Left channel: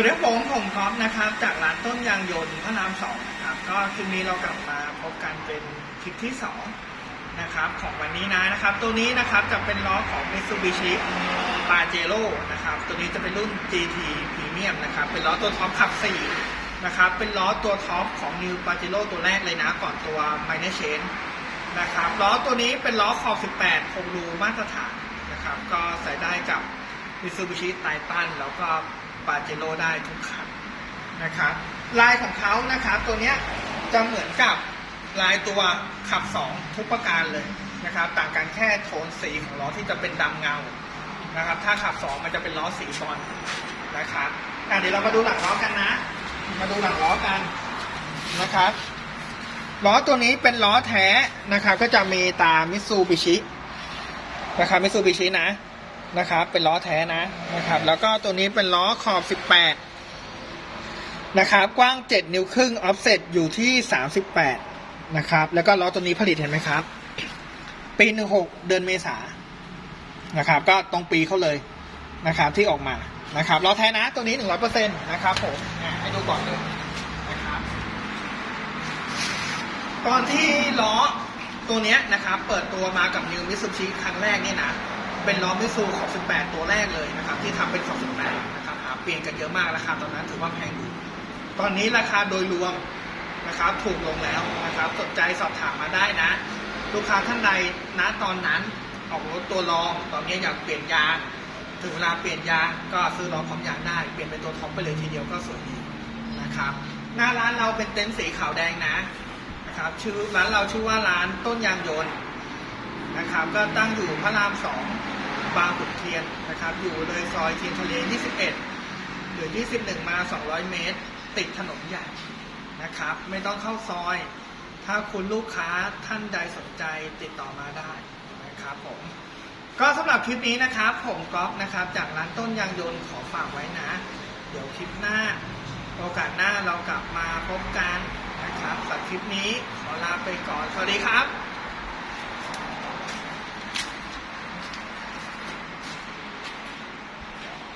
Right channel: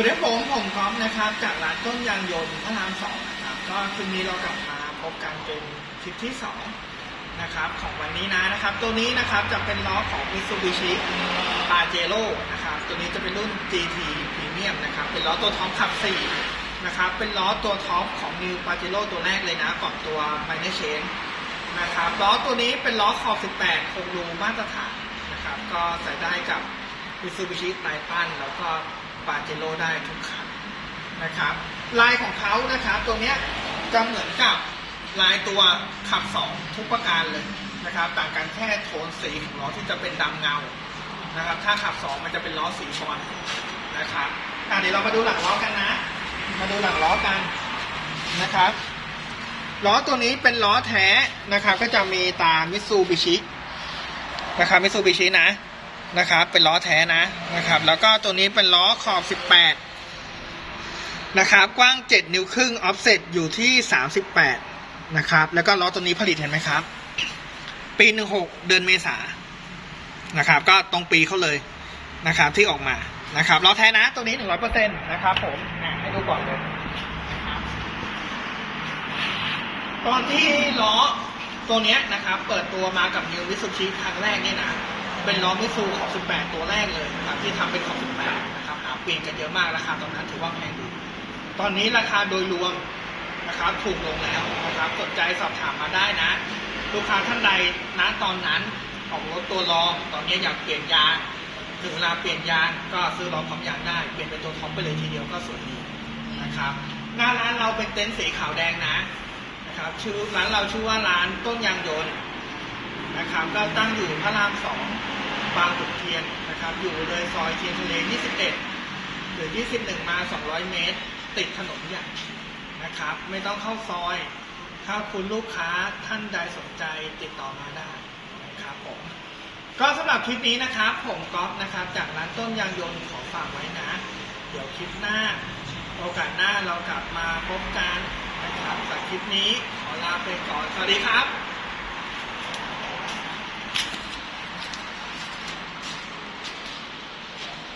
สวัสดีครับผมผมพร้อมนะครับจากร้านต้นยางยนต์พระรามสองนะครับก็คลิปนี้เรากลับมาพบกันเป็นคลิปที่สองนะครับของวันนี้นะนะครับ ตัวนี้นะครับจะเป็นล้อของ Mitsubishi Pajero นะครับตัวนี้จะเป็นรุ่น GT Premium นะครับเป็นล้อตัวท็อปขับ4นะครับเป็นล้อตัวท็อปของ New Pajero ตัวแรกเลยนะก่อนตัว Minor Chain นะครับล้อตัวนี้เป็นล้อขอบ 18 คงรูมาตรฐานนะครับก็ใส่ได้กับ Mitsubishi Titan แล้วก็ Pajero ได้ทุกคันนะครับลายของเขานะครับตัวเนี้ยจะเหมือนกับลายตัวขับ 2 ทุกประการเลยนะครับต่างกันแค่โทนสีของล้อที่จะเป็นดำเงานะครับถ้าขับ 2 มันจะเป็นล้อสีบอลนะครับเดี๋ยวเรามาดูหลังล้อกันนะ มาดูหลังล้อกันนะครับล้อตัวนี้เป็นล้อแท้นะครับก็จะมีตามมิตซูบิชินะครับมิตซูบิชินะ นะครับ เป็นล้อแท้นะนะครับ แล้วก็ตัวนี้เป็นล้อขอบ 18 นะครับ กว้าง 7 นิ้วครึ่งออฟเซตอยู่ที่ 38 นะครับ แล้วก็ล้อตัวนี้ผลิตเห็นไหมครับ ปี 16 เดือนเมษานะครับ ก็ตรงปีเขาเลยนะครับที่ออกมานะครับล้อแท้นะตัวนี้ 100%นะครับผมให้ดูก่อนเลยนะครับตอนที่ล้อตัวนี้นะครับ เปิดตัวมากับ New Mitsubishi ครั้งแรกเนี่ยนะ เป็นล้อมิซูของ 18 ตัวแรกเลยนะครับที่ทำเป็นของ18นะครับหาเปลี่ยนกันเยอะมากราคาตอนนั้นถือว่าแพงอยู่ตอนนี้ราคาโดยรวมนะครับถูกลงแล้วนะครับสนใจสอบถามมาได้นะ ลูกค้าท่านใดนะตอนนั้นออกรถตัวรอง ตอนนี้อยากเปลี่ยนยางถึงเวลาเปลี่ยนยางก็ซื้อล้อพร้อมยางได้ เปลี่ยนเป็นตัวท็อปไปเลยทีเดียวก็สวยดีนะครับหน้าร้านเราเป็นเต็นท์สีขาวแดงนะนะครับชื่อร้านเราชื่อว่าร้านต้นยางยนต์ นะครับ ก็ตั้งอยู่พระรามสองบางขุนเทียนนะครับ อยู่เลยซอยเทียนทะเล 21 หรือ 21 มา 200 เมตร ติดถนนใหญ่นะครับ ไม่ต้องเข้าซอย ถ้าคุณลูกค้าท่านใดสนใจติดต่อมาได้นะครับผมก็สำหรับคลิปนี้นะครับ ผมก๊อฟนะครับ จากร้านต้นยางยนต์ขอฝากไว้นะ เดี๋ยวคลิปหน้า โอกาสหน้าเรากลับมาพบกันนะครับสำหรับคลิปนี้ขอลาไปก่อน สวัสดีครับ